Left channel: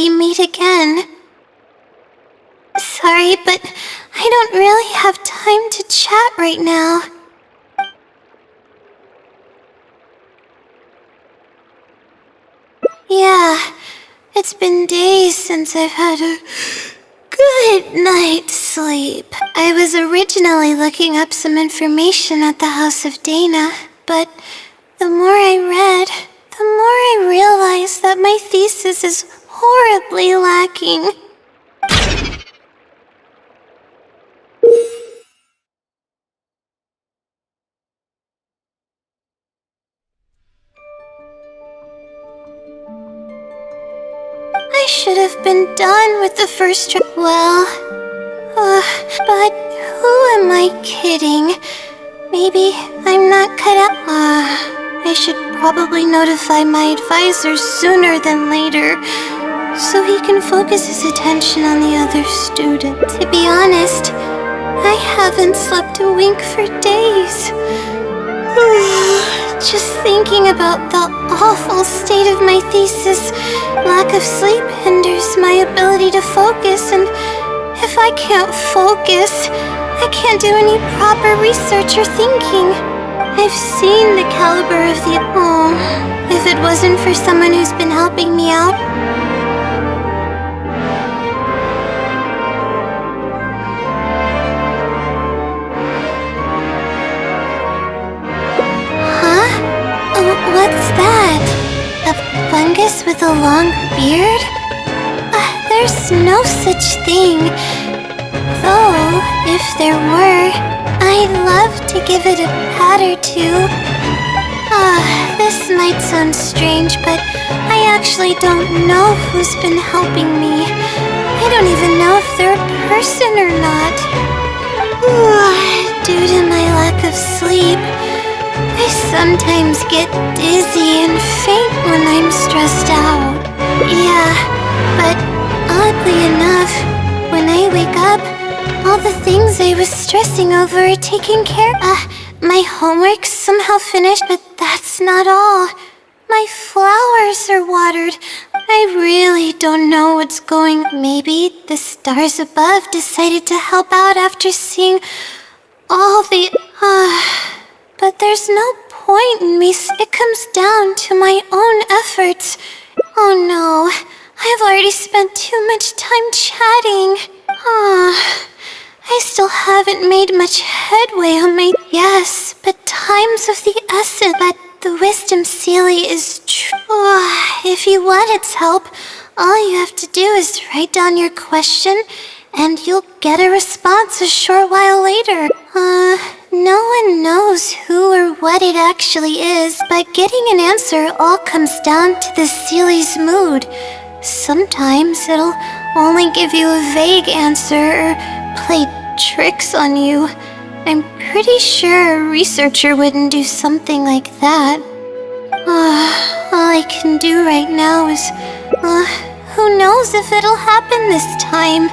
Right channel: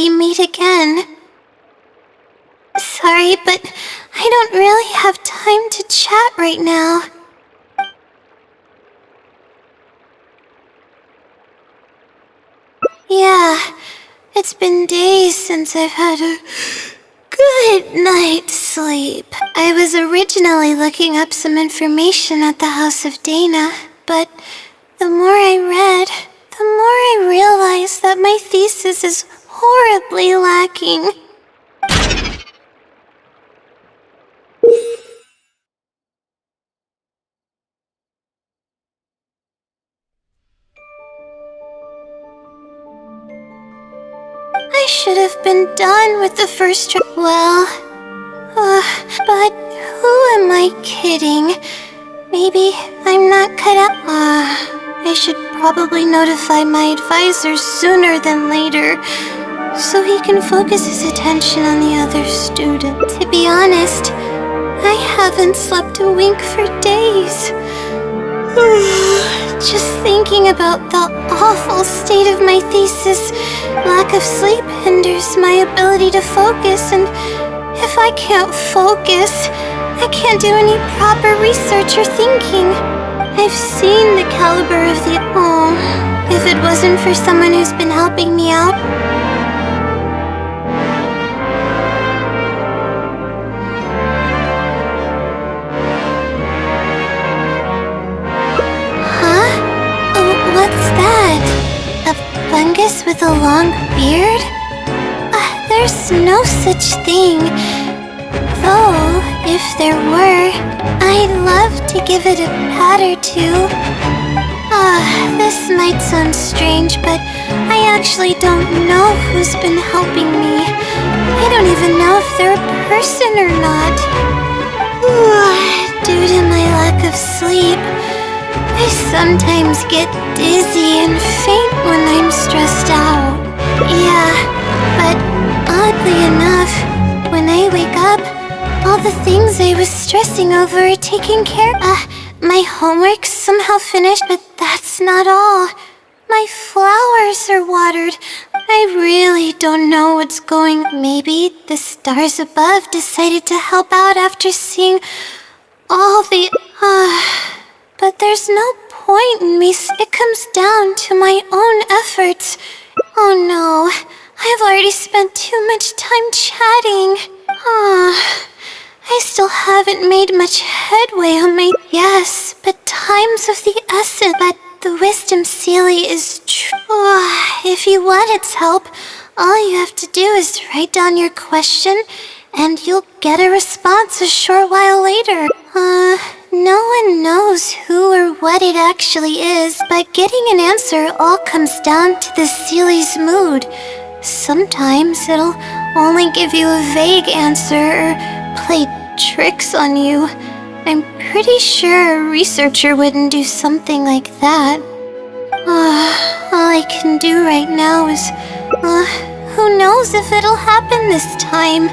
we meet again. Sorry, but I don't really have time to chat right now. Yeah, it's been days since I've had a good night's sleep. I was originally looking up some information at the House of Dana, but the more I read, the more I realized that my thesis is horribly lacking. I should have been done with the first but who am I kidding? Maybe I'm not cut out. I should probably notify my advisor sooner than later, so he can focus his attention on the other student. To be honest, I haven't slept a wink for days. Just thinking about the awful state of my thesis, lack of sleep hinders my ability to focus, and if I can't focus, I can't do any proper research or thinking. I've seen the caliber of the... Oh, if it wasn't for someone who's been helping me out... Huh? Oh, what's that? A fungus with a long beard? There's no such thing. Though, if there were, I'd love to give it a pat or two. This might sound strange, but I actually don't know who's been helping me. I don't even know if they're a person or not. Due to my lack of sleep, I sometimes get dizzy and faint when I'm stressed out. Yeah, but oddly enough, when I wake up, all the things I was stressing over are taken care of. My homework's somehow finished, but that's not all. My flowers are watered. I really don't know what's going on. Maybe the stars above decided to help out after seeing all the... But there's no point in me. It comes down to my own efforts. Oh no, I've already spent too much time chatting. I still haven't made much headway on my... Yes, but time's of the essence. But the wisdom Sealy is true. If you want its help, all you have to do is write down your question, and you'll get a response a short while later. No one knows who or what it actually is, but getting an answer all comes down to the Sealy's mood. Sometimes it'll only give you a vague answer or play tricks on you. I'm pretty sure a researcher wouldn't do something like that. All I can do right now is... who knows if it'll happen this time?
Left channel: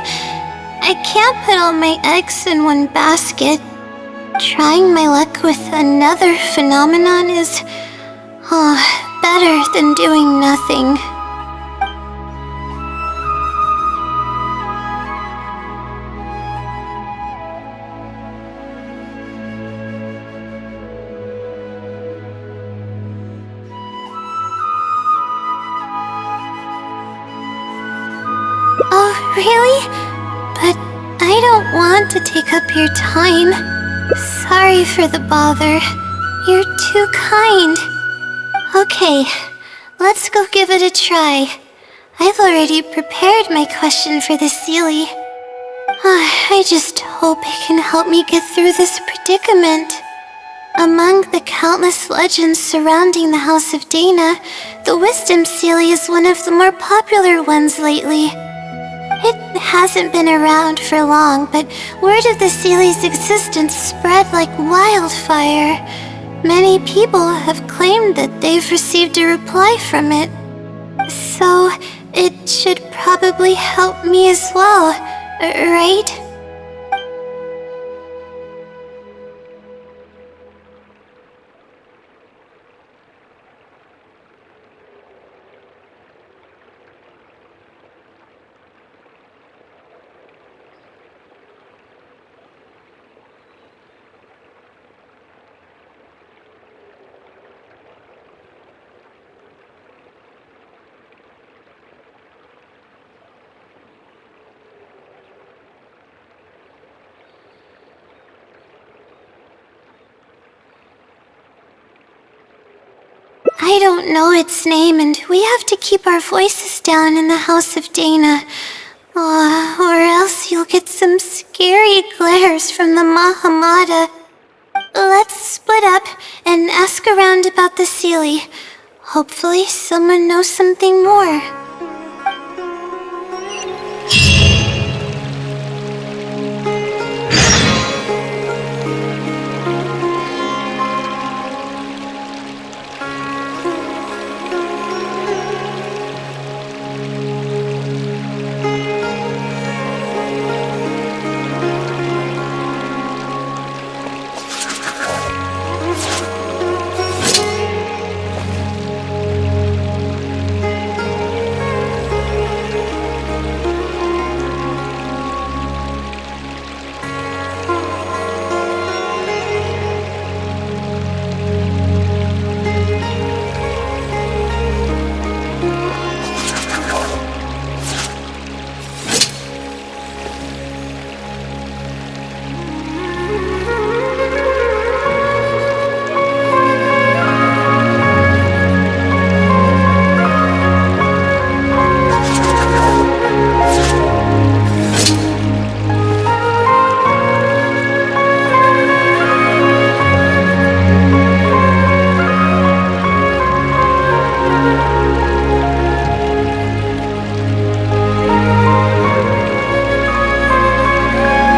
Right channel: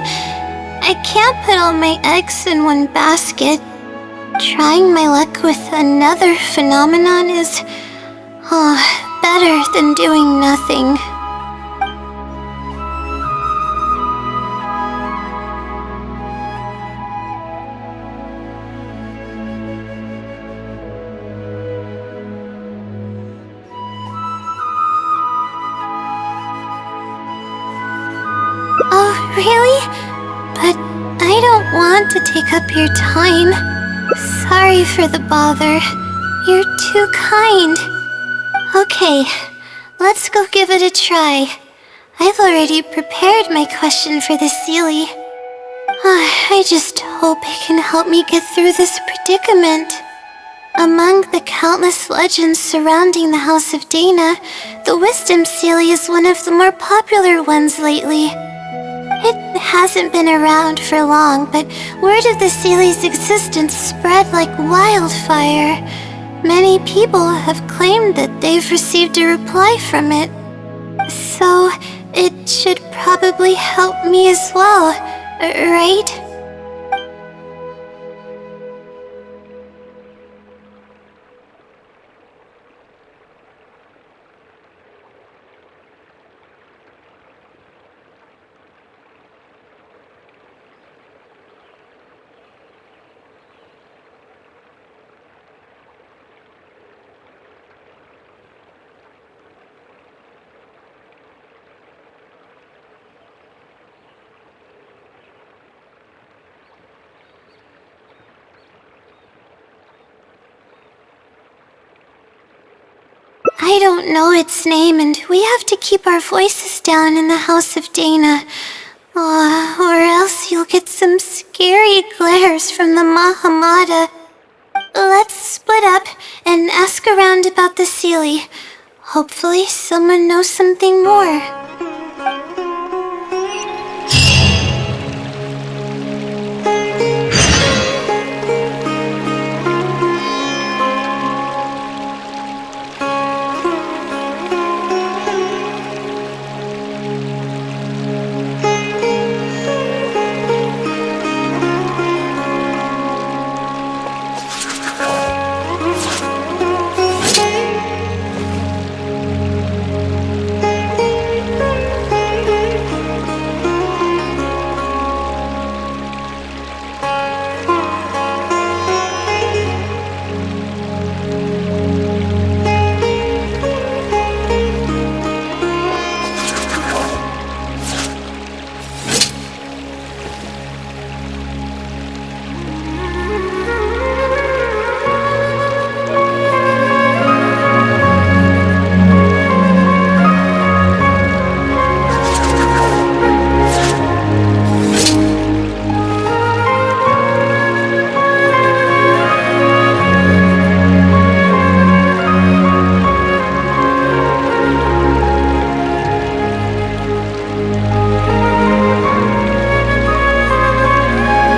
I can't put all my eggs in one basket. Trying my luck with another phenomenon is... better than doing nothing. Oh, really? But I don't want to take up your time. Sorry for the bother. You're too kind. Okay, let's go give it a try. I've already prepared my question for the Sealy. I just hope it can help me get through this predicament. Among the countless legends surrounding the House of Dana, the Wisdom Sealy is one of the more popular ones lately. It hasn't been around for long, but word of the Sealy's existence spread like wildfire. Many people have claimed that they've received a reply from it. So, it should probably help me as well, right? I don't know its name, and we have to keep our voices down in the house of Dana. Or else you'll get some scary glares from the Mahamada. Let's split up and ask around about the Seelie. Hopefully someone knows something more.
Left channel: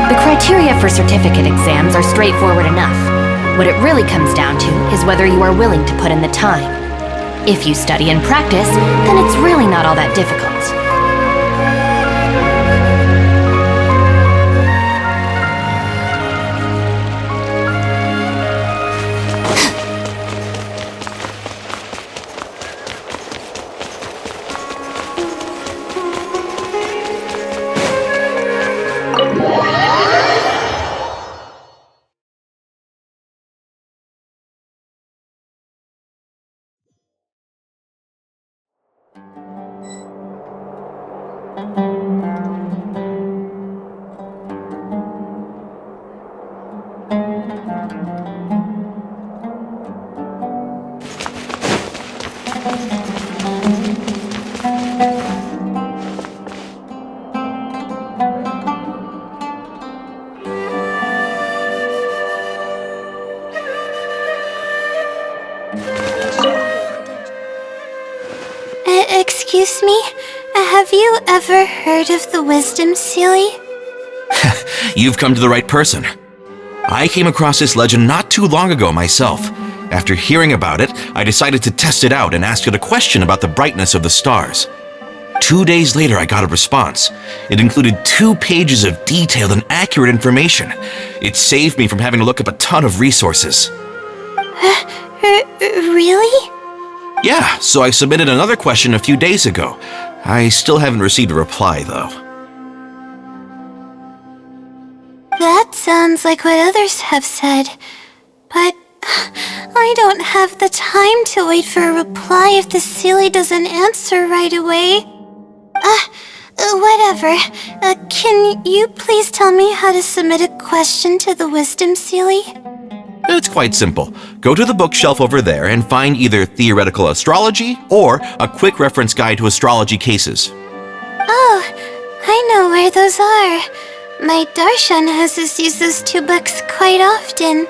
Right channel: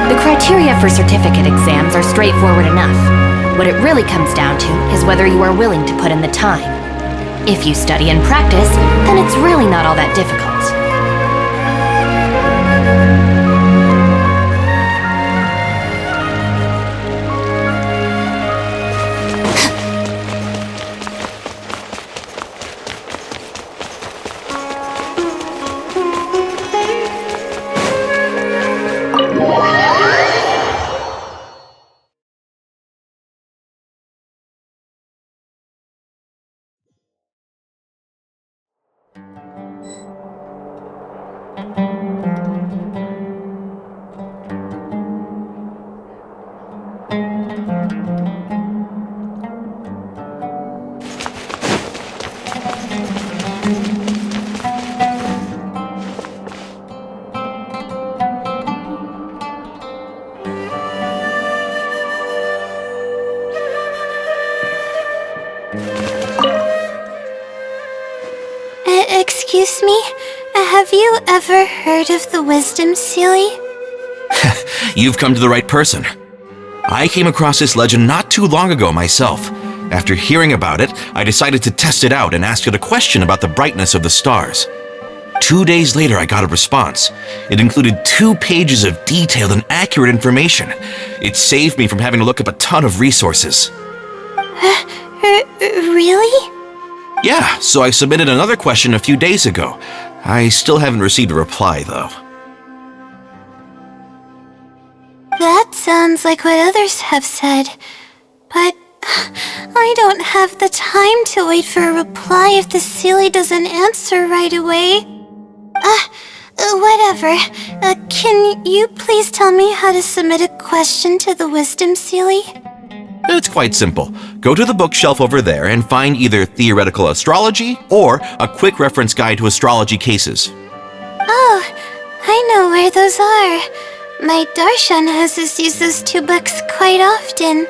The criteria for certificate exams are straightforward enough. What it really comes down to is whether you are willing to put in the time. If you study and practice, then it's really not all that difficult. Excuse me? Have you ever heard of the Wisdom Seelie? You've come to the right person. I came across this legend not too long ago myself. After hearing about it, I decided to test it out and asked it a question about the brightness of the stars. 2 days later, I got a response. It included 2 pages of detailed and accurate information. It saved me from having to look up a ton of resources. Really? Yeah, so I submitted another question a few days ago. I still haven't received a reply, though. That sounds like what others have said. But I don't have the time to wait for a reply if the Seelie doesn't answer right away. Whatever. Can you please tell me how to submit a question to the Wisdom Seelie? It's quite simple. Go to the bookshelf over there and find either Theoretical Astrology or a quick reference guide to astrology cases. Oh, I know where those are. My Darshan has us use those 2 books quite often.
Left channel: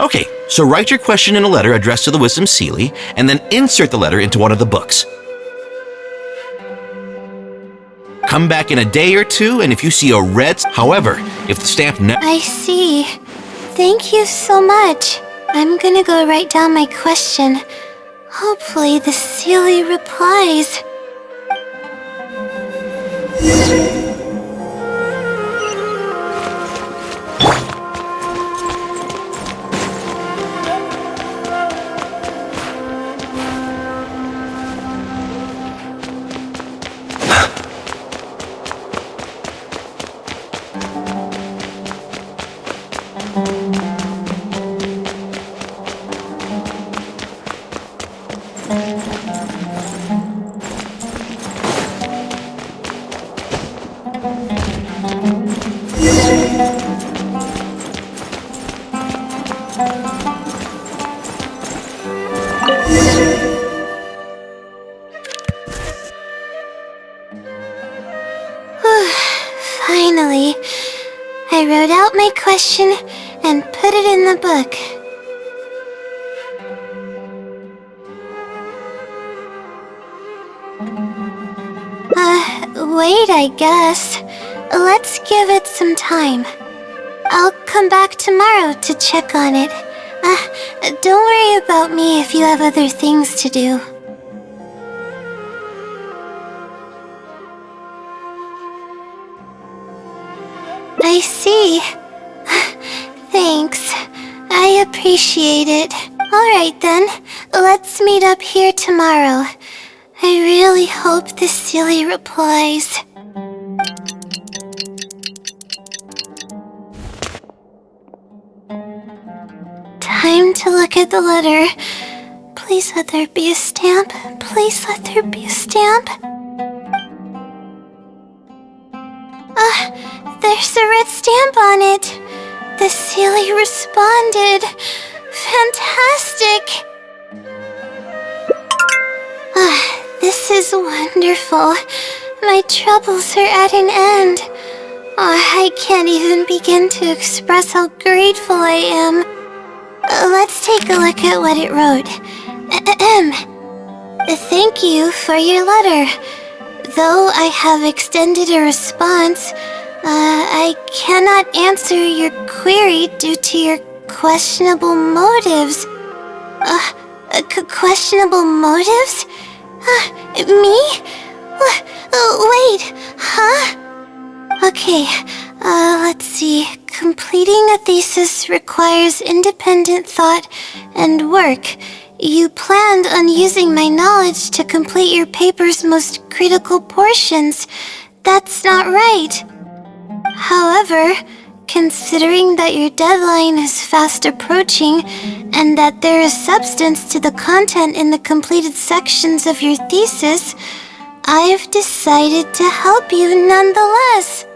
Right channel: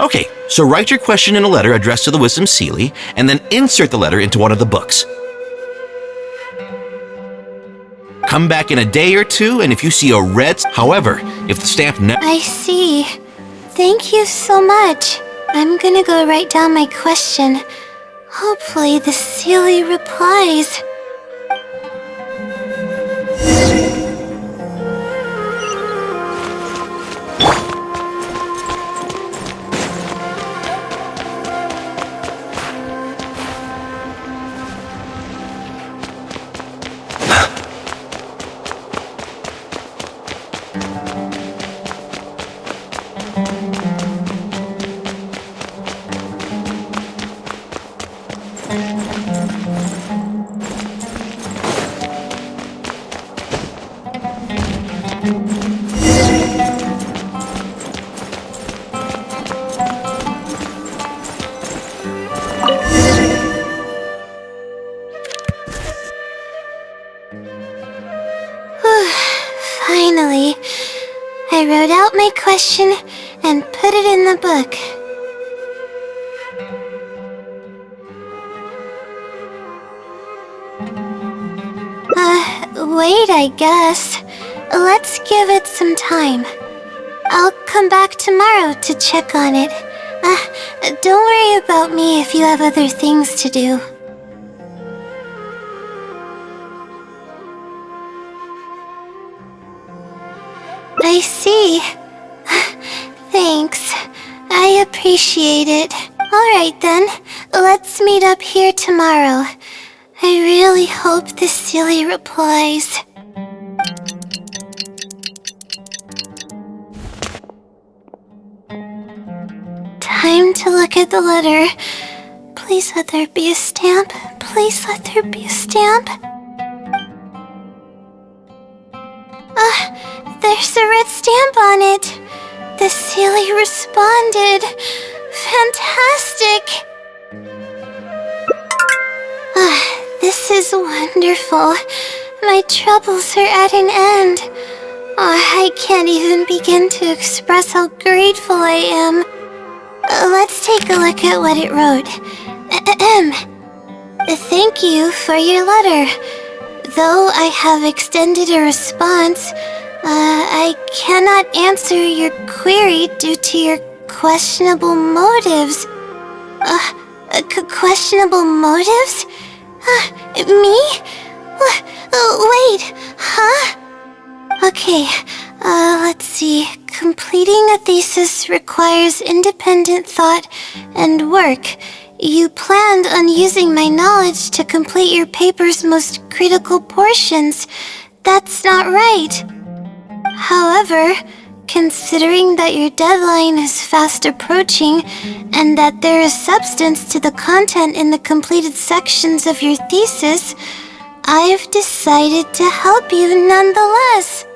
Okay, so write your question in a letter addressed to the Wisdom Seelie, and then insert the letter into one of the books. Come back in a day or 2, and if you see a red... However, if the stamp... I see. Thank you so much. I'm gonna go write down my question. Hopefully the Seelie replies. Finally, I wrote out my question and put it in the book. Wait, I guess. Let's give it some time. I'll come back tomorrow to check on it. Don't worry about me if you have other things to do. I see. Thanks. I appreciate it. Alright then, let's meet up here tomorrow. I really hope this silly replies. Time to look at the letter. Please let there be a stamp. Please let there be a stamp. There's a red stamp on it. The silly responded. Fantastic. This is wonderful. My troubles are at an end. I can't even begin to express how grateful I am. Let's take a look at what it wrote. Thank you for your letter. Though I have extended a response, I cannot answer your query due to your questionable motives. Questionable motives? Me? Wait, huh? Okay, let's see. Completing a thesis requires independent thought and work. You planned on using my knowledge to complete your paper's most critical portions. That's not right. However, considering that your deadline is fast approaching and that there is substance to the content in the completed sections of your thesis, I've decided to help you nonetheless.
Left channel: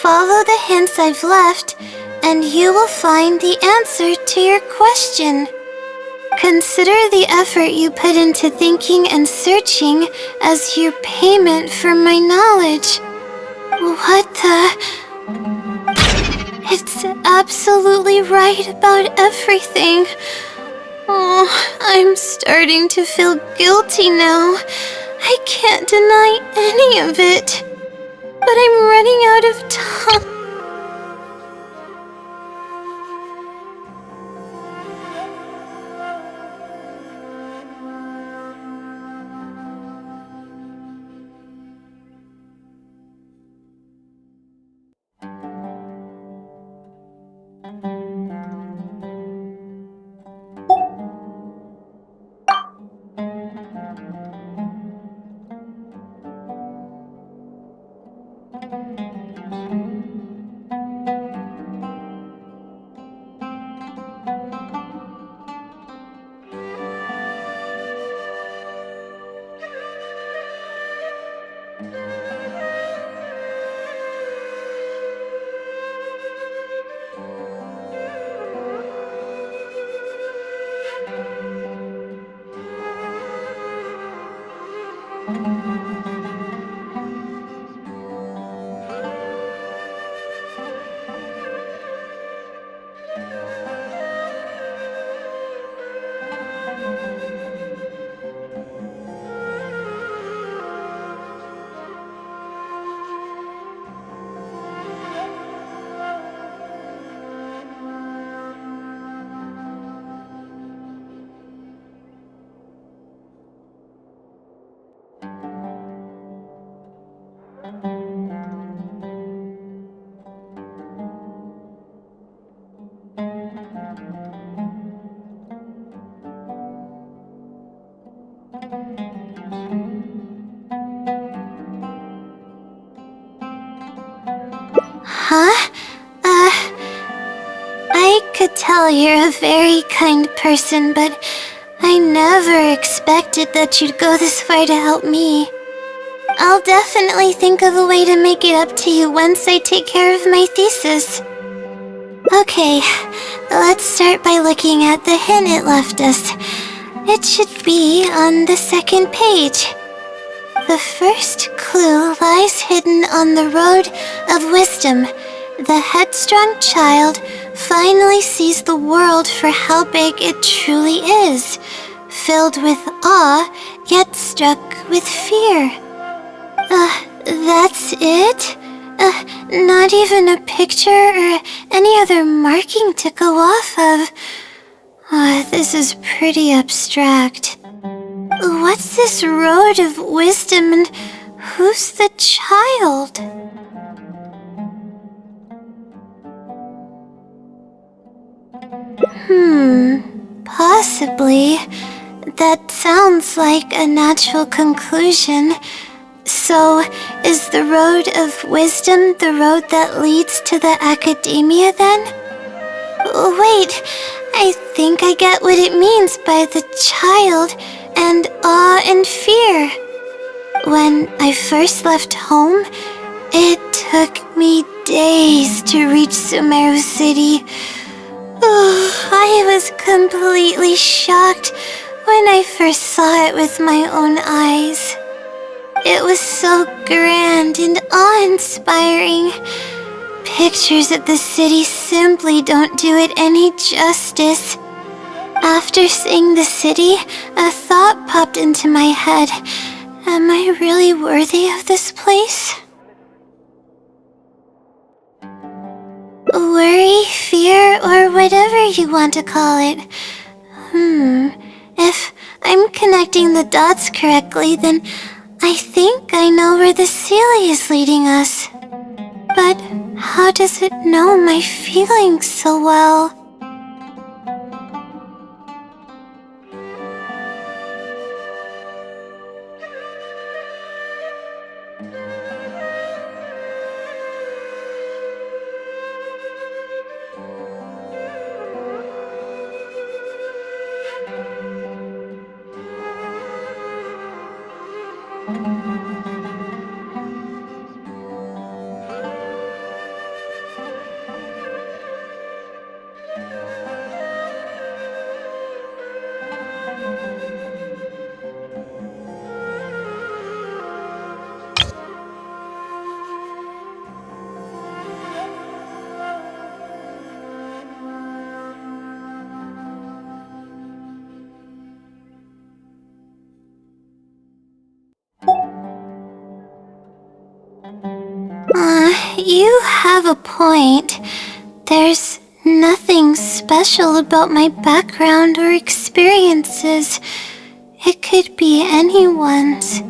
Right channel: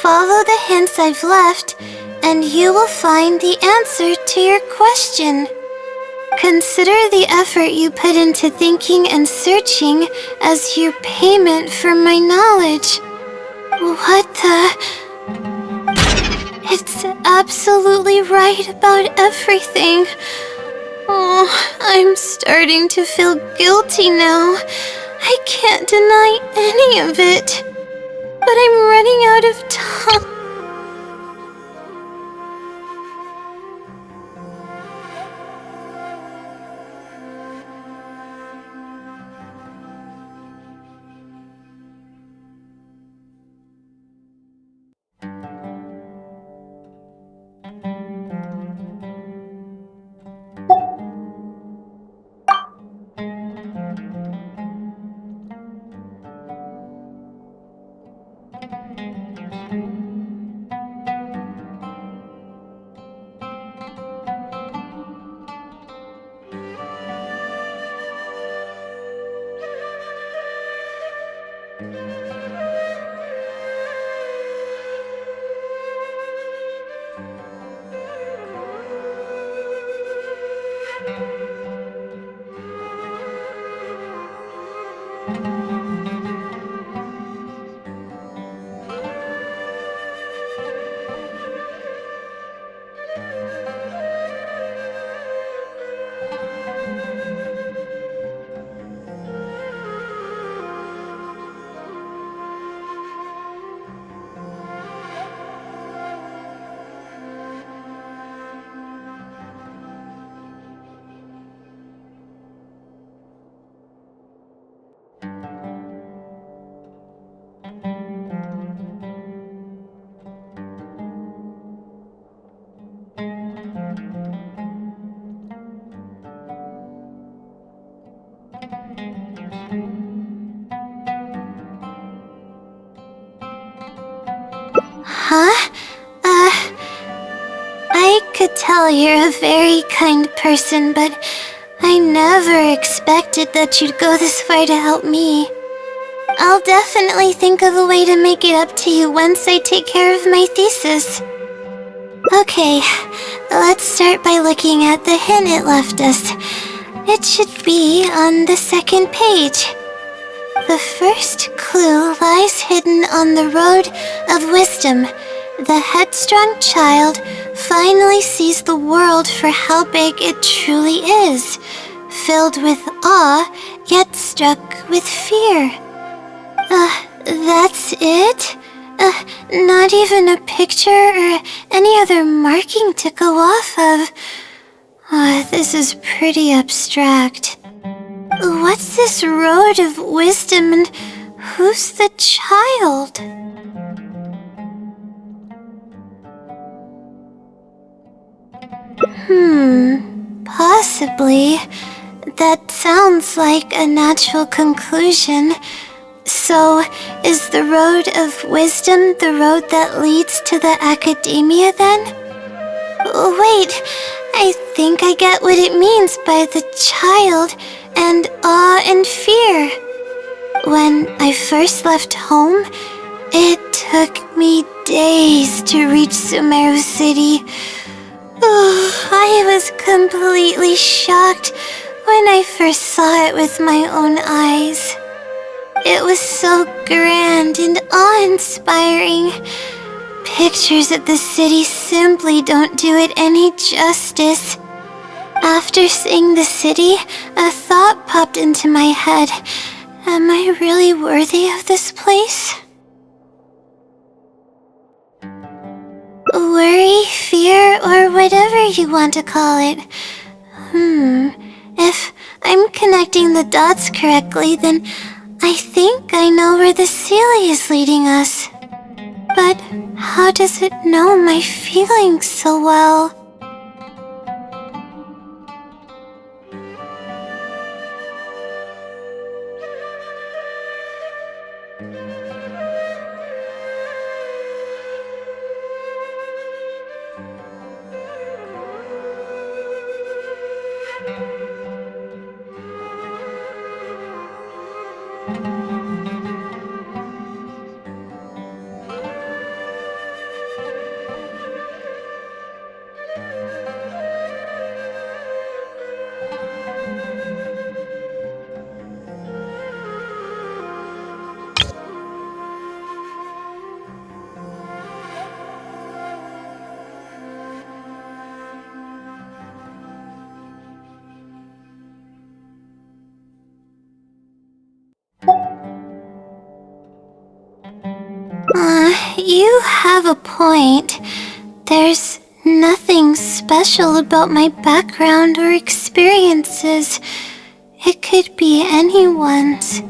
Follow the hints I've left, and you will find the answer to your question. Consider the effort you put into thinking and searching as your payment for my knowledge. What the... It's absolutely right about everything. Oh, I'm starting to feel guilty now. I can't deny any of it. But I'm running out of time. Huh? I could tell you're a very kind person, but I never expected that you'd go this far to help me. I'll definitely think of a way to make it up to you once I take care of my thesis. Okay, let's start by looking at the hint it left us. It should be on the second page. The first clue lies hidden on the road of wisdom. The headstrong child finally sees the world for how big it truly is, filled with awe, yet struck with fear. That's it? Not even a picture or any other marking to go off of. This is pretty abstract. What's this road of wisdom and who's the child? Possibly. That sounds like a natural conclusion. So, is the road of wisdom the road that leads to the academia then? Wait, I think I get what it means by the child and awe and fear. When I first left home, it took me days to reach Sumeru City. I was completely shocked when I first saw it with my own eyes. It was so grand and awe-inspiring. Pictures of the city simply don't do it any justice. After seeing the city, a thought popped into my head. Am I really worthy of this place? Worry, fear, or whatever you want to call it. If I'm connecting the dots correctly, then I think I know where the Sealy is leading us. But how does it know my feelings so well? You have a point. There's nothing special about my background or experiences. It could be anyone's.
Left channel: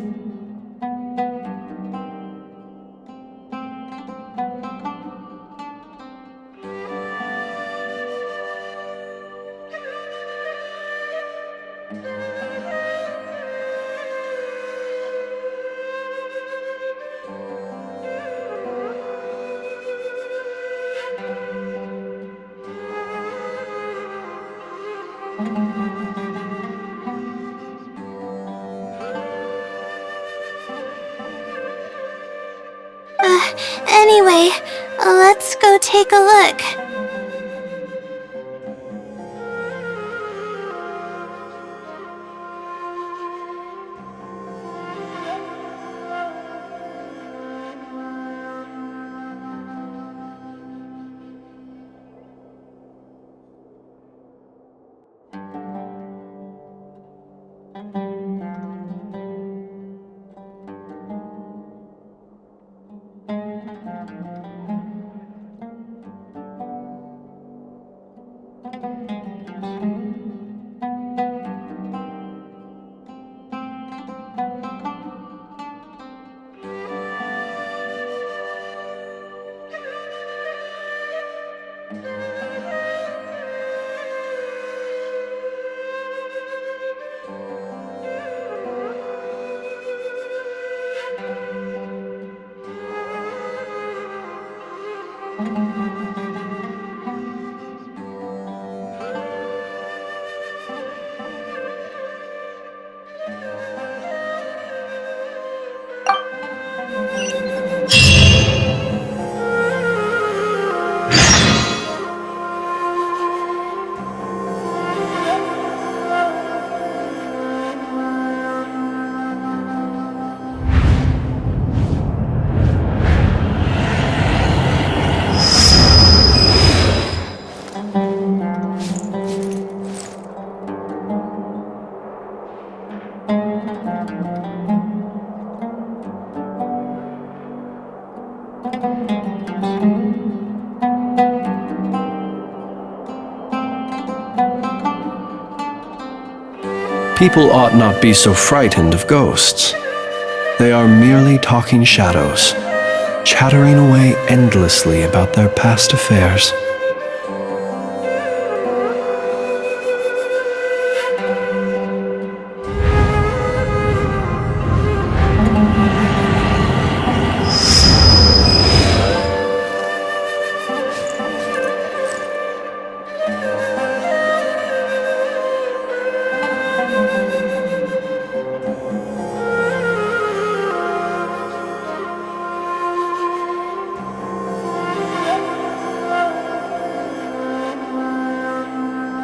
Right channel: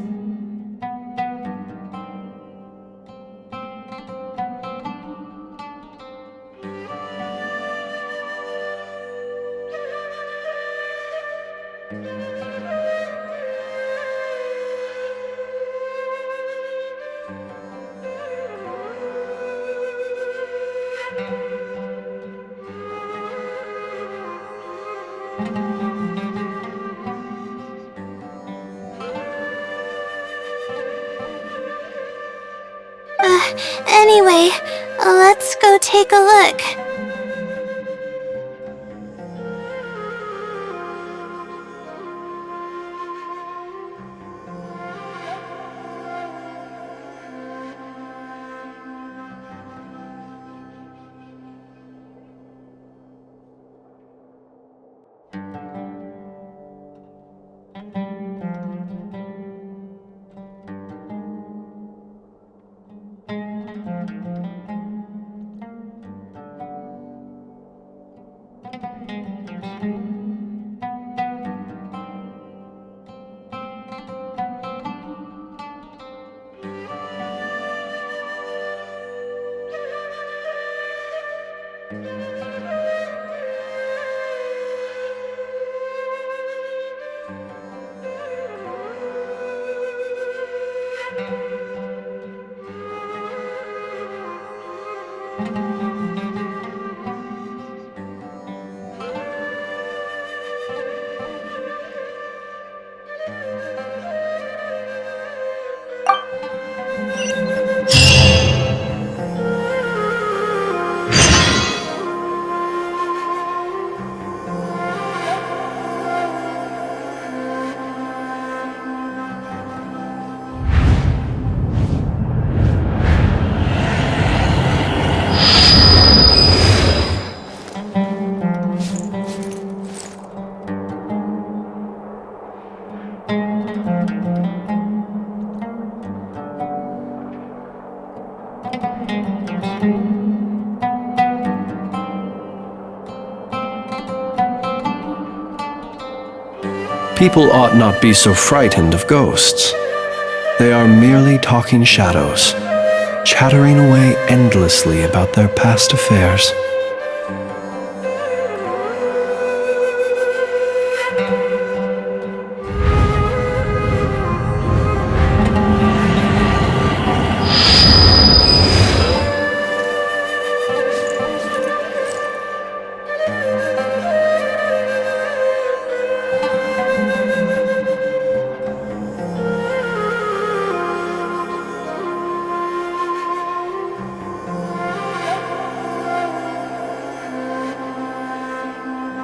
Anyway, let's go take a look. People ought not be so frightened of ghosts. They are merely talking shadows, chattering away endlessly about their past affairs.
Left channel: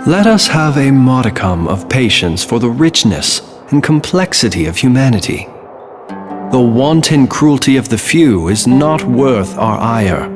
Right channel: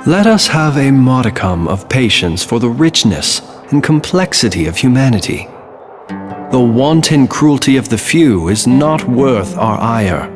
Let us have a modicum of patience for the richness and complexity of humanity. The wanton cruelty of the few is not worth our ire.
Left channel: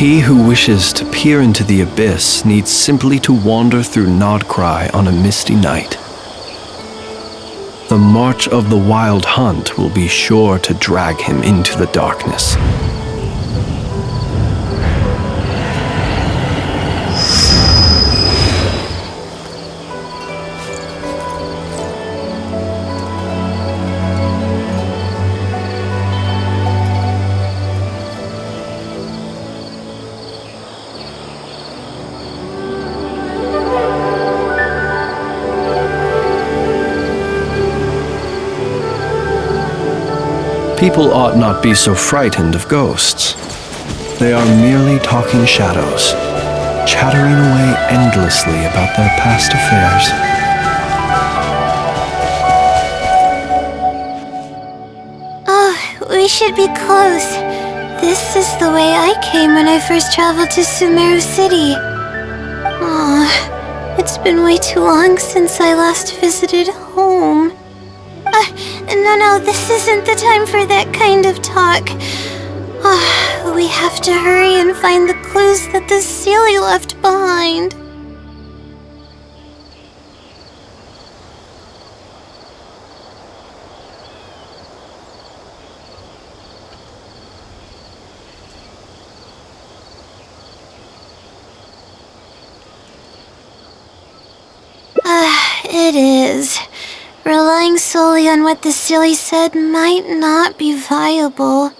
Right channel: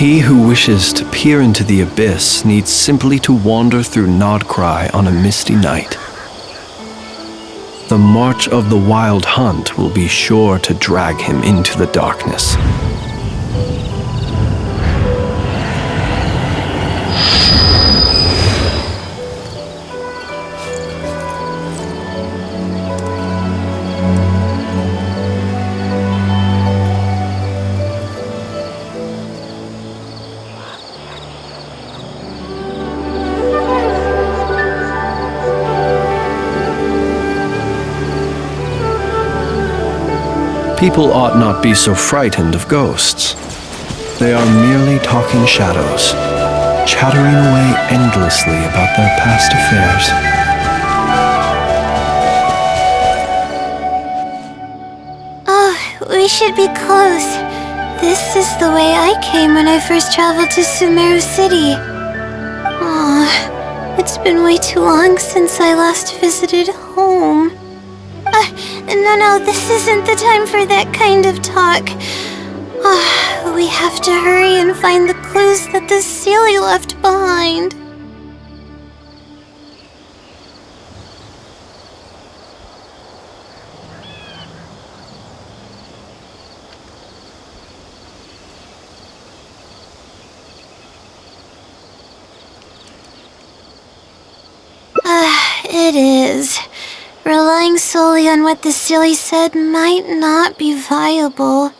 He who wishes to peer into the abyss needs simply to wander through Nodcry on a misty night. The march of the wild hunt will be sure to drag him into the darkness. People ought not be so frightened of ghosts. They are merely talking shadows, chattering away endlessly about their past affairs. Oh, we should be close. This is the way I came when I first traveled to Sumeru City. Aw, it's been way too long since I last visited home. No, this isn't the time for that kind of talk. We have to hurry and find the clues that the Sealy left behind. It is. Relying solely on what the Sealy said might not be viable.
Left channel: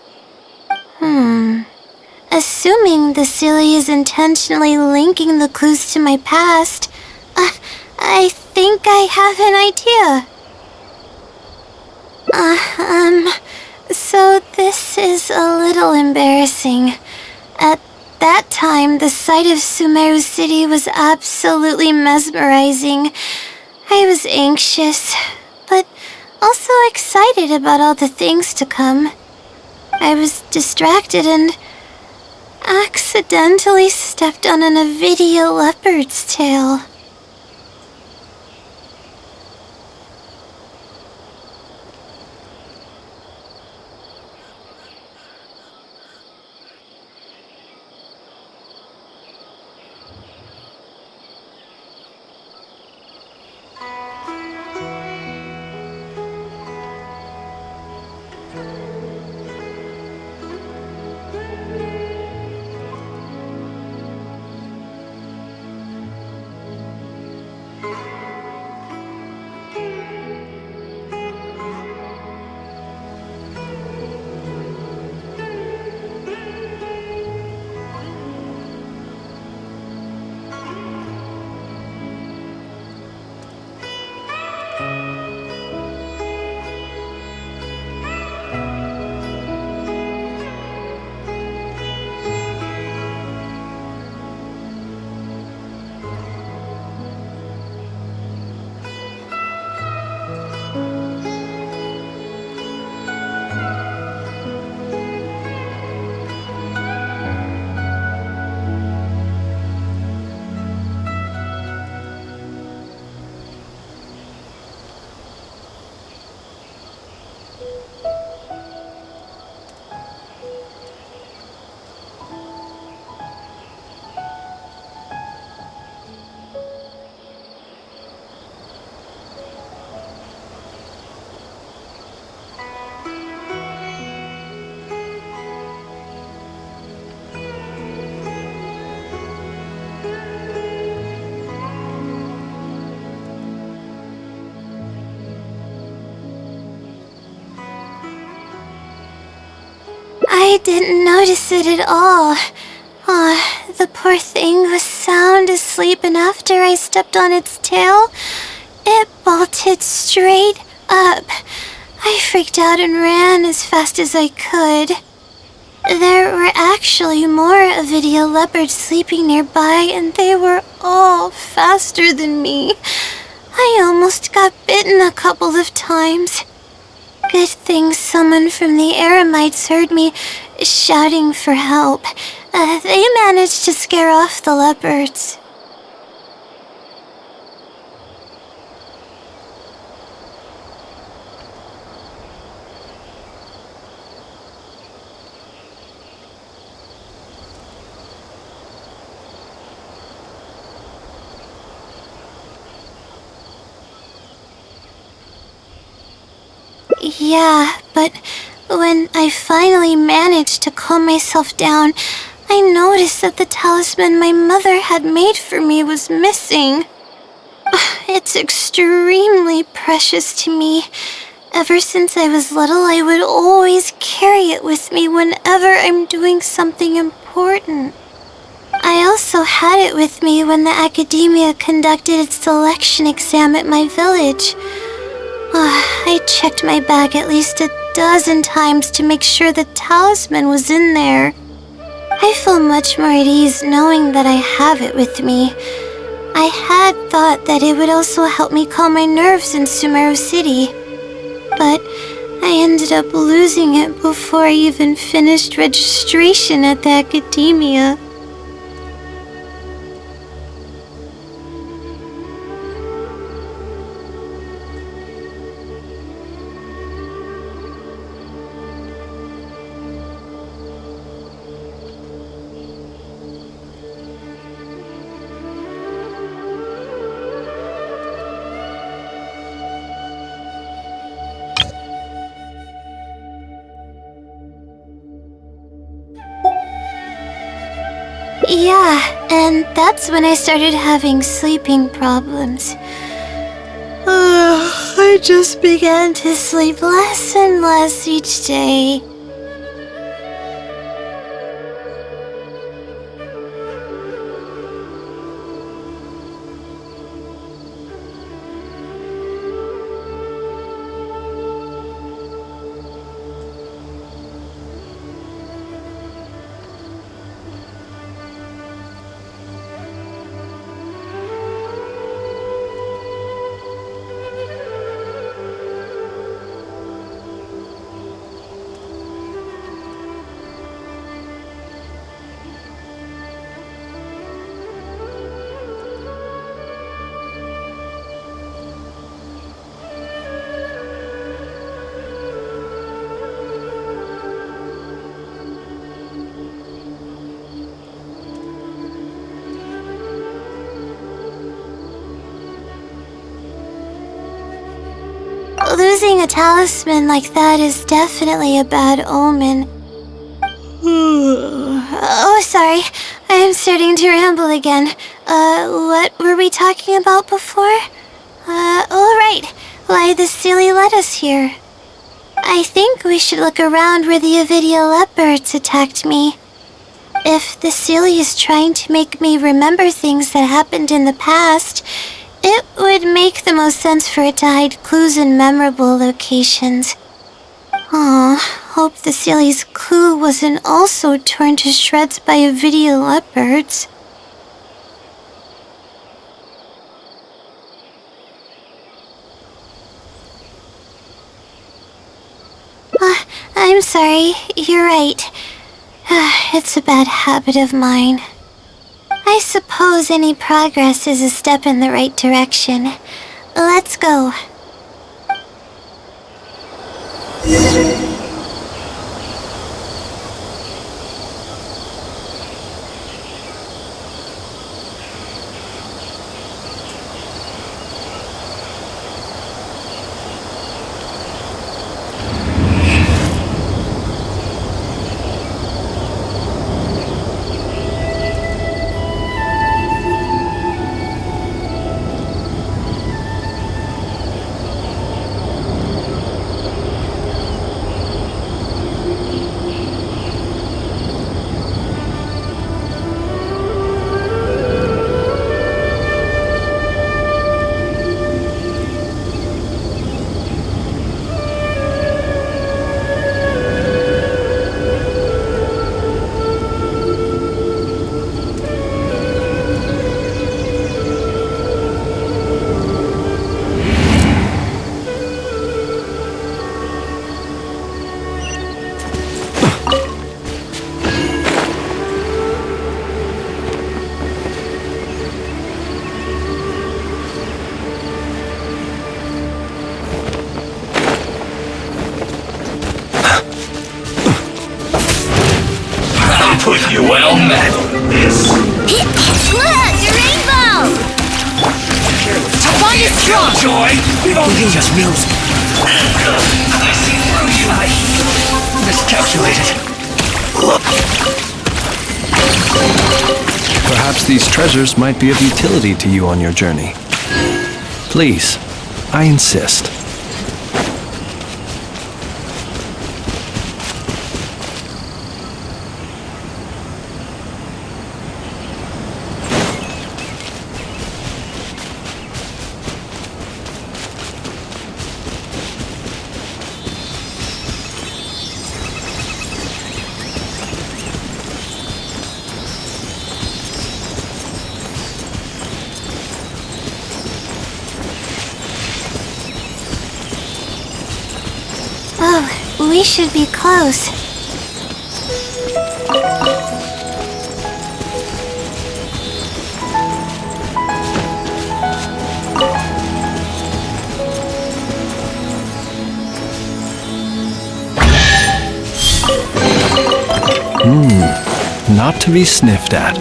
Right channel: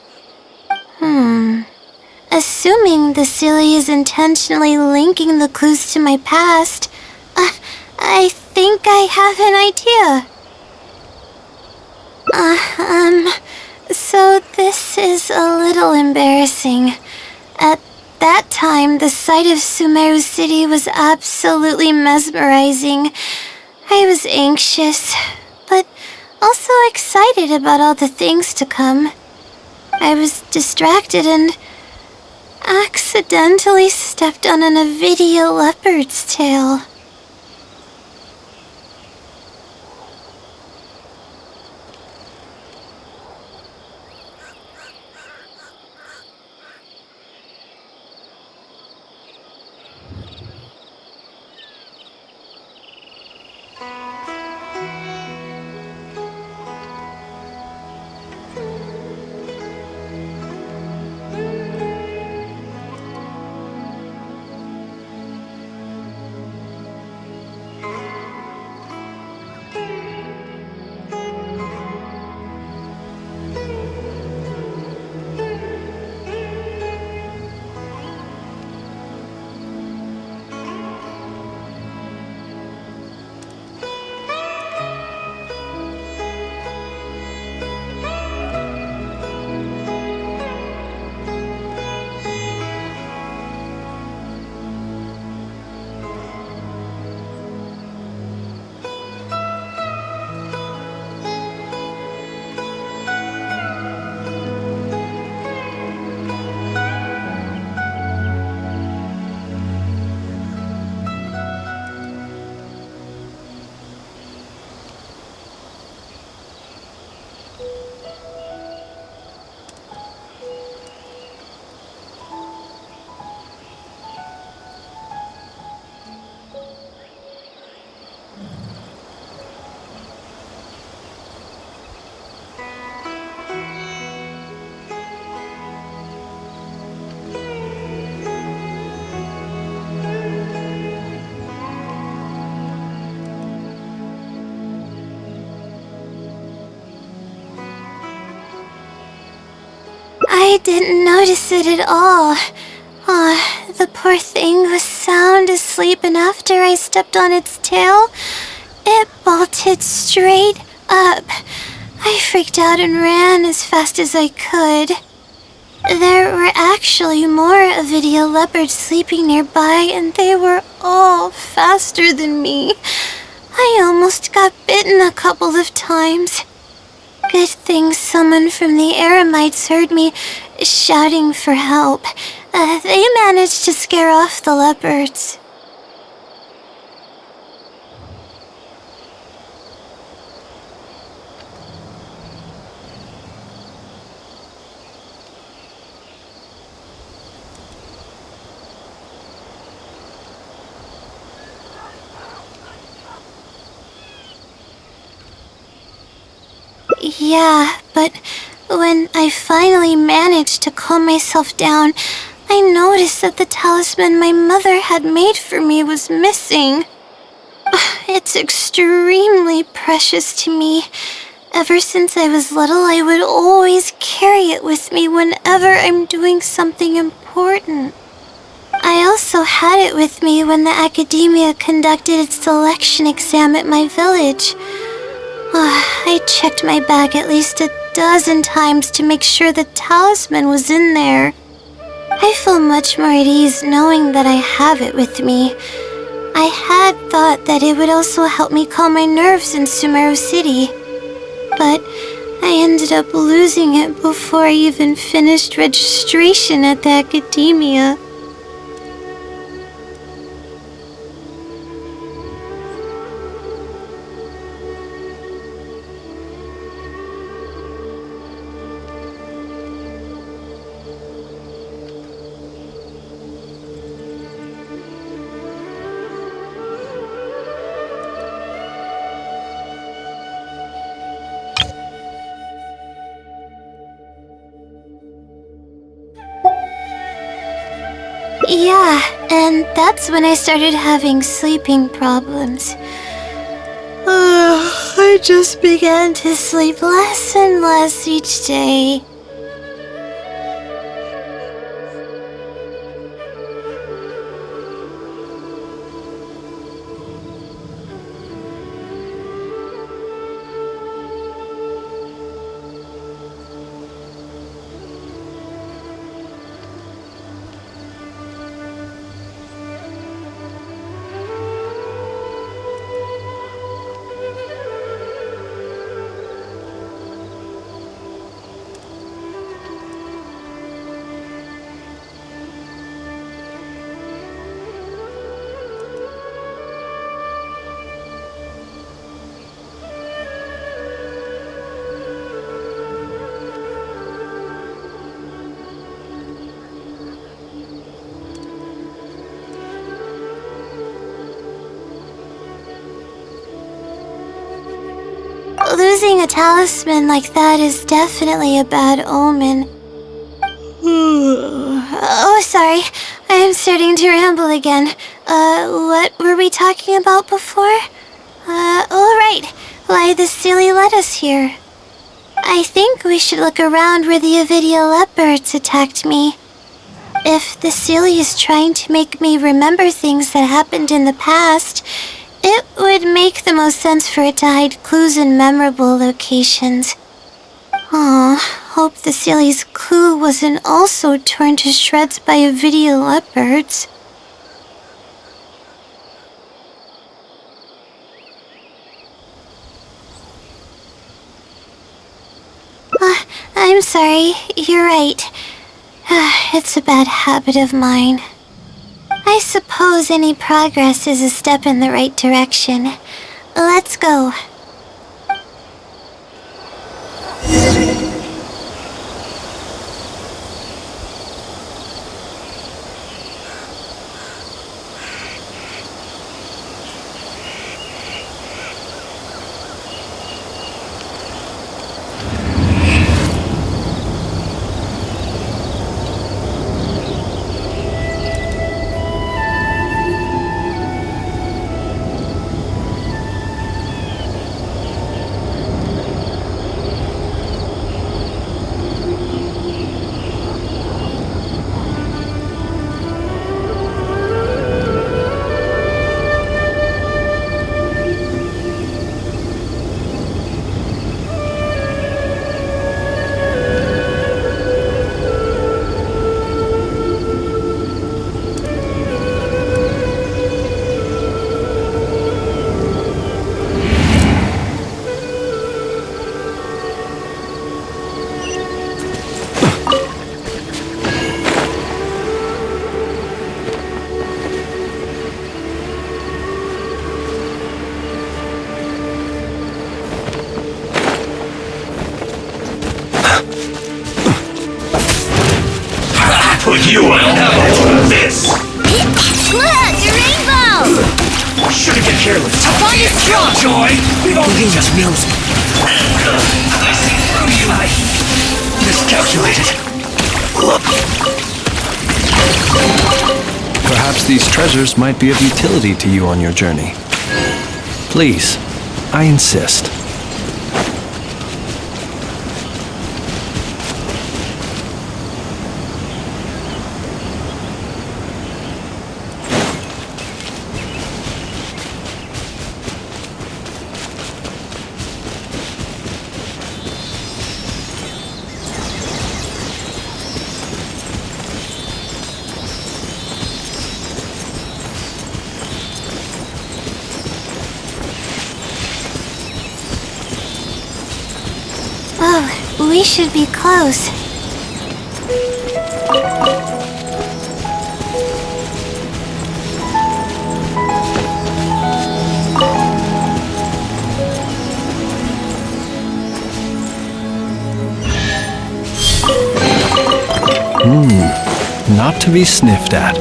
Assuming the Sealy is intentionally linking the clues to my past, I think I have an idea. So this is a little embarrassing. At that time, the sight of Sumeru City was absolutely mesmerizing. I was anxious, but also excited about all the things to come. I was distracted and accidentally stepped on an Avidia leopard's tail. I didn't notice it at all. The poor thing was sound asleep, and after I stepped on its tail, it bolted straight up. I freaked out and ran as fast as I could. There were actually more Avidia leopards sleeping nearby, and they were all faster than me. I almost got bitten a couple of times. Good thing someone from the Eremites heard me shouting for help. They managed to scare off the leopards. Yeah, but when I finally managed to calm myself down, I noticed that the talisman my mother had made for me was missing. It's extremely precious to me. Ever since I was little, I would always carry it with me whenever I'm doing something important. I also had it with me when the academia conducted its selection exam at my village. I checked my bag at least a dozen times to make sure the talisman was in there. I feel much more at ease knowing that I have it with me. I had thought that it would also help me calm my nerves in Sumeru City, but I ended up losing it before I even finished registration at the academia. Yeah, and that's when I started having sleeping problems. I just began to sleep less and less each day. Losing a talisman like that is definitely a bad omen. Oh, sorry. I'm starting to ramble again. What were we talking about before? Right. Why the silly led us here. I think we should look around where the Avidia leopards attacked me. If the silly is trying to make me remember things that happened in the past, it would make the most sense for it to hide clues in memorable locations. Hope the silly's clue wasn't also torn to shreds by Avidia leopards. I'm sorry, you're right. It's a bad habit of mine. I suppose any progress is a step in the right direction. Let's go. Well met. This. Look, a rainbow! Should've been careless. Bond is strong. Joy. We've only just music. I miscalculated. Perhaps these treasures might be of utility to you on your journey. Please, I insist. Oh, we should be close. Not to be sniffed at.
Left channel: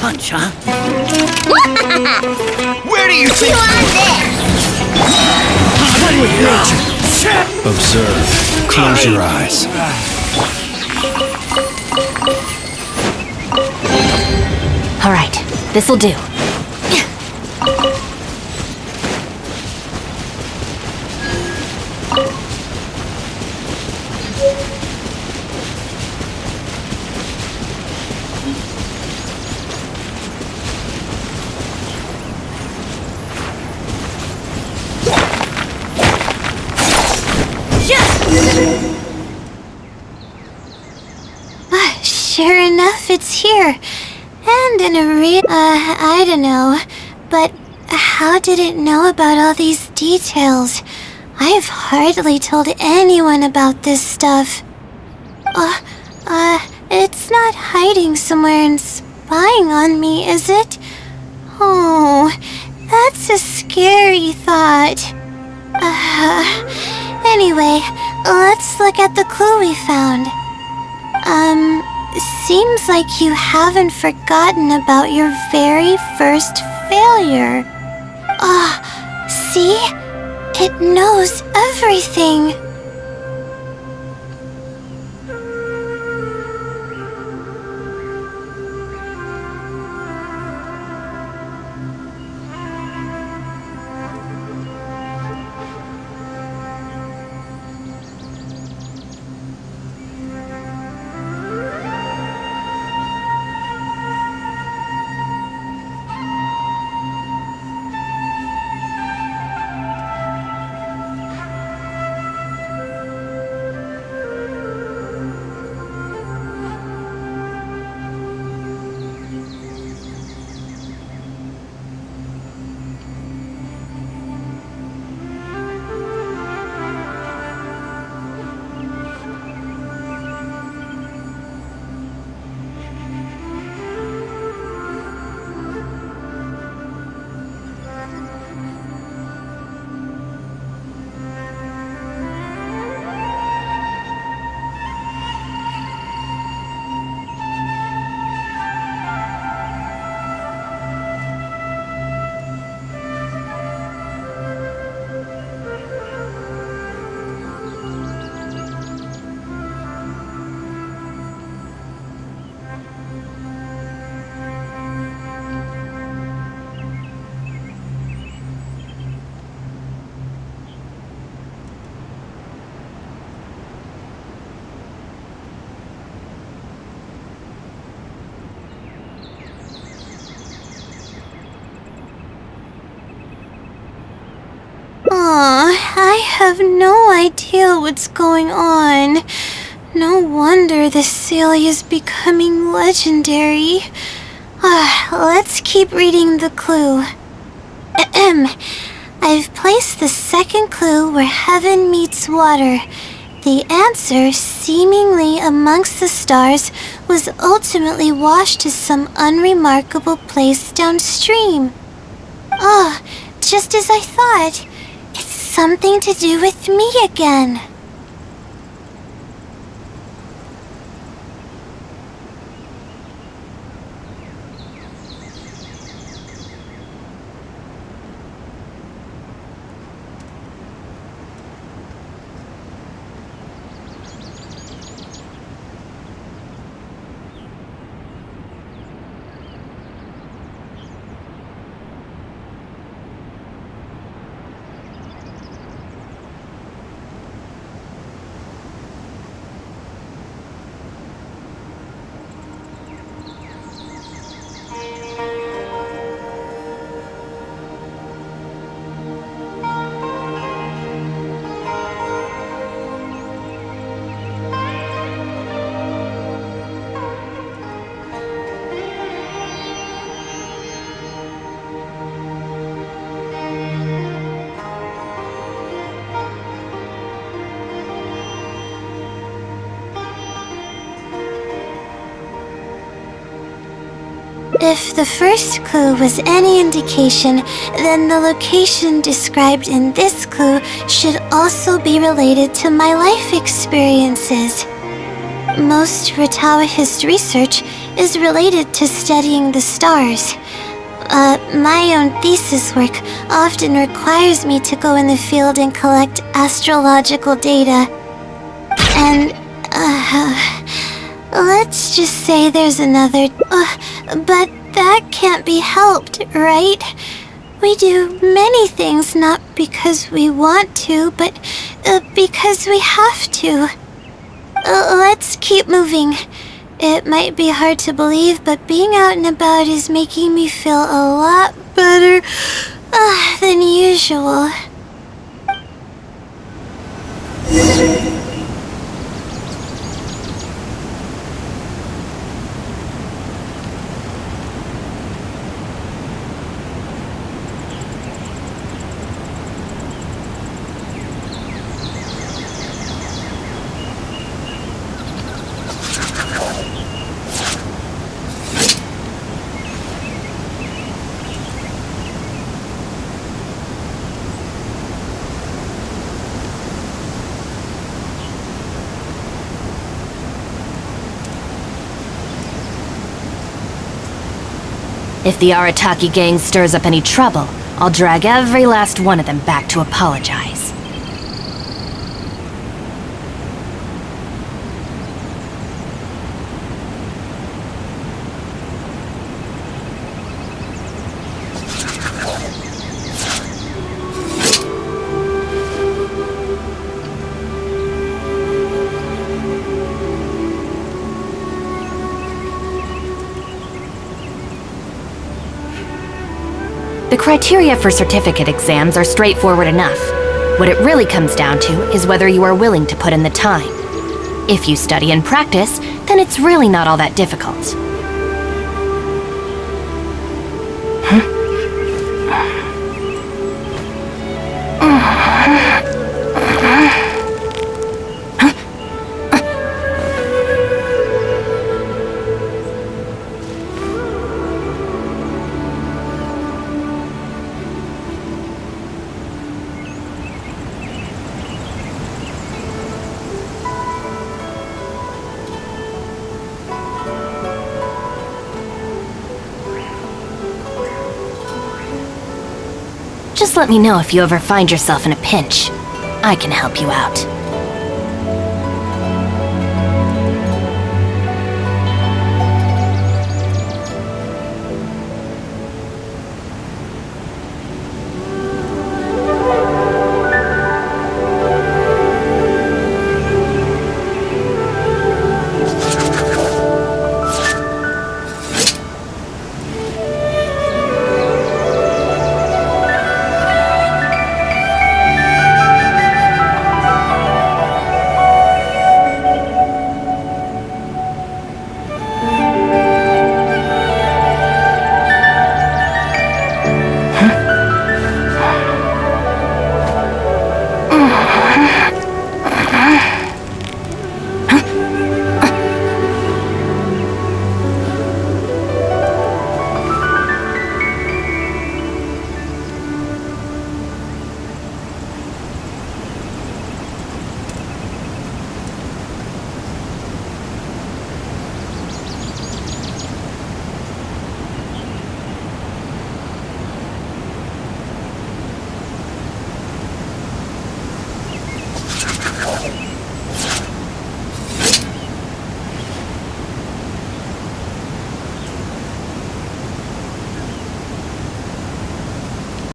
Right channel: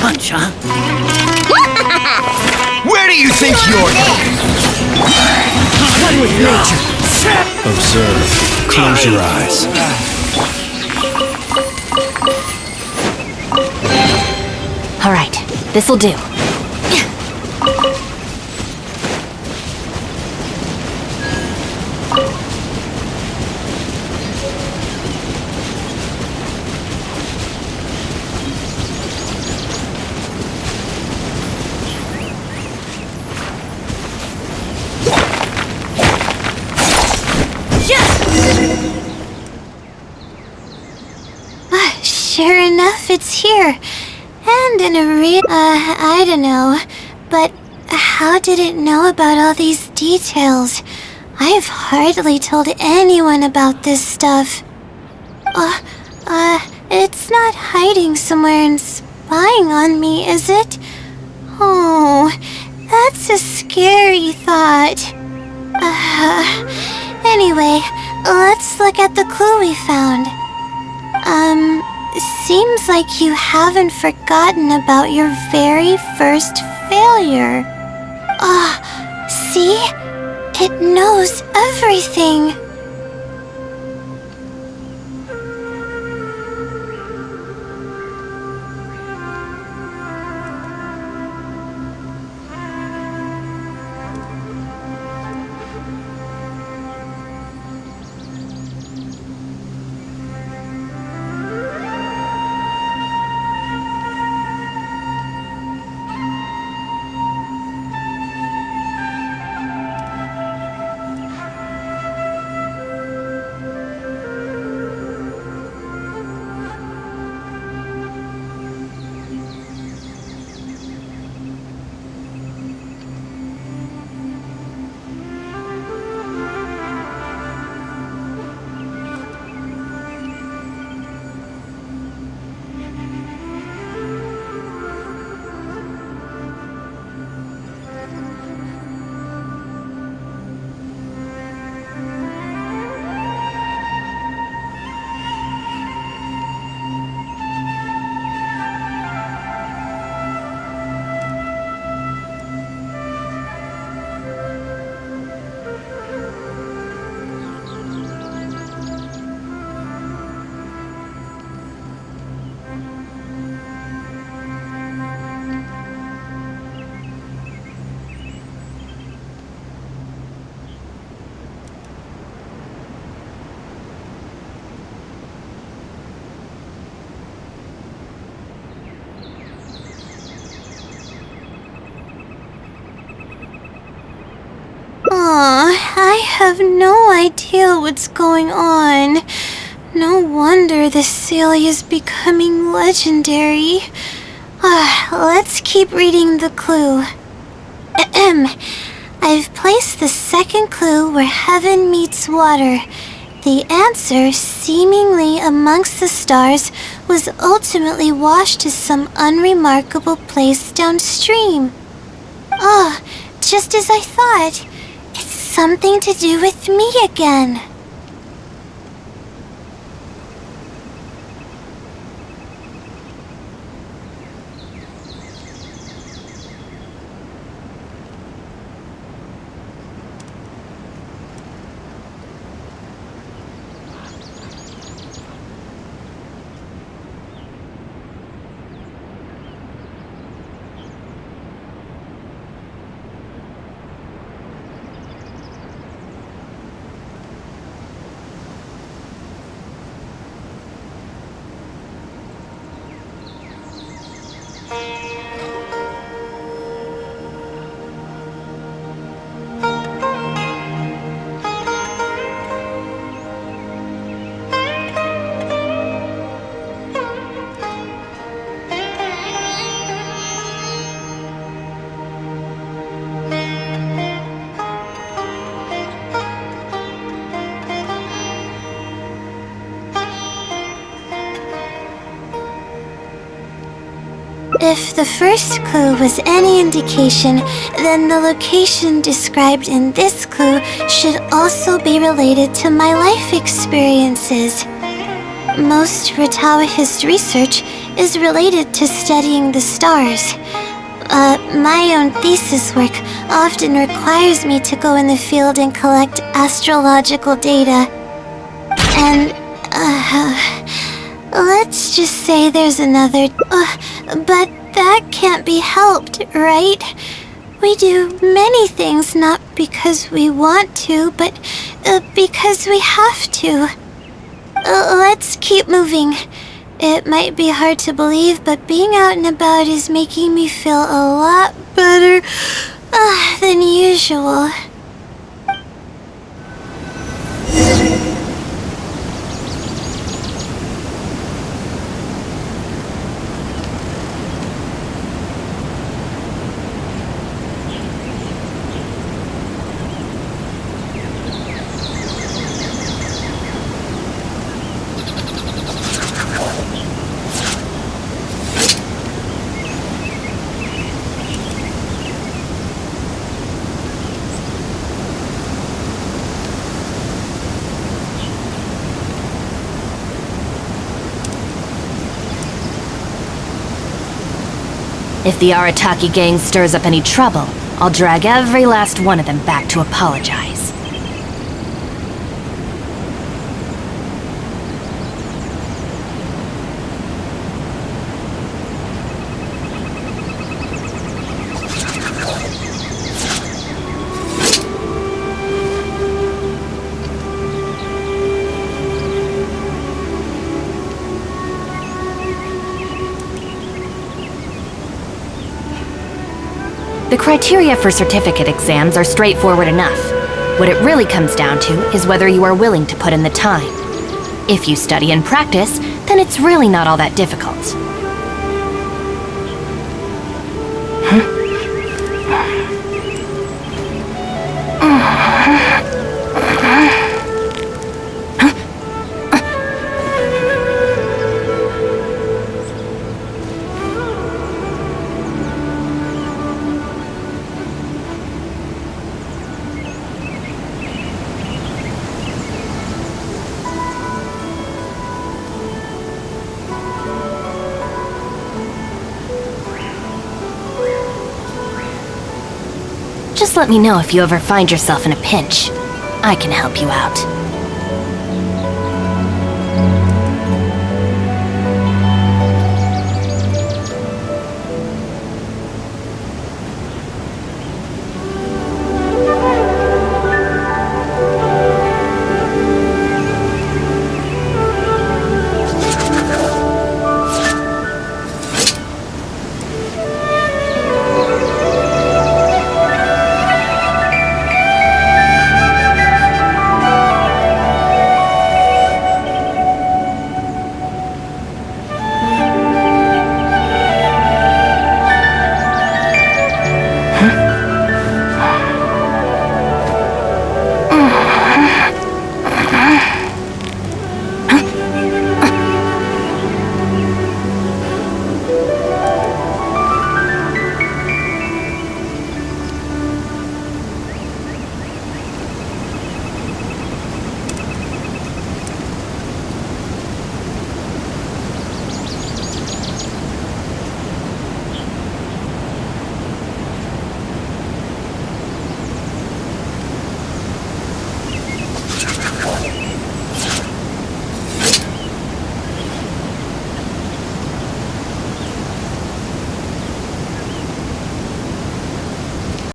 Punch, huh? One with nature. Observe. Close your eyes. All right, this'll do. Sure enough, it's here. And in a I don't know. But how did it know about all these details? I've hardly told anyone about this stuff. It's not hiding somewhere and spying on me, is it? Oh, that's a scary thought. Anyway, let's look at the clue we found. Seems like you haven't forgotten about your very first failure. See? It knows everything. I have no idea what's going on. No wonder this Celia is becoming legendary. Let's keep reading the clue. I've placed the second clue where heaven meets water. The answer, seemingly amongst the stars, was ultimately washed to some unremarkable place downstream. Just as I thought. It's something to do with me again. If the first clue was any indication, then the location described in this clue should also be related to my life experiences. Most Ratawahist research is related to studying the stars. My own thesis work often requires me to go in the field and collect astrological data. And, let's just say there's another... but that can't be helped, right? We do many things not because we want to, but because we have to. Let's keep moving. It might be hard to believe, but being out and about is making me feel a lot better than usual. If the Arataki gang stirs up any trouble, I'll drag every last one of them back to apologize. The criteria for certificate exams are straightforward enough. What it really comes down to is whether you are willing to put in the time. If you study and practice, then it's really not all that difficult. Just let me know if you ever find yourself in a pinch. I can help you out. Huh?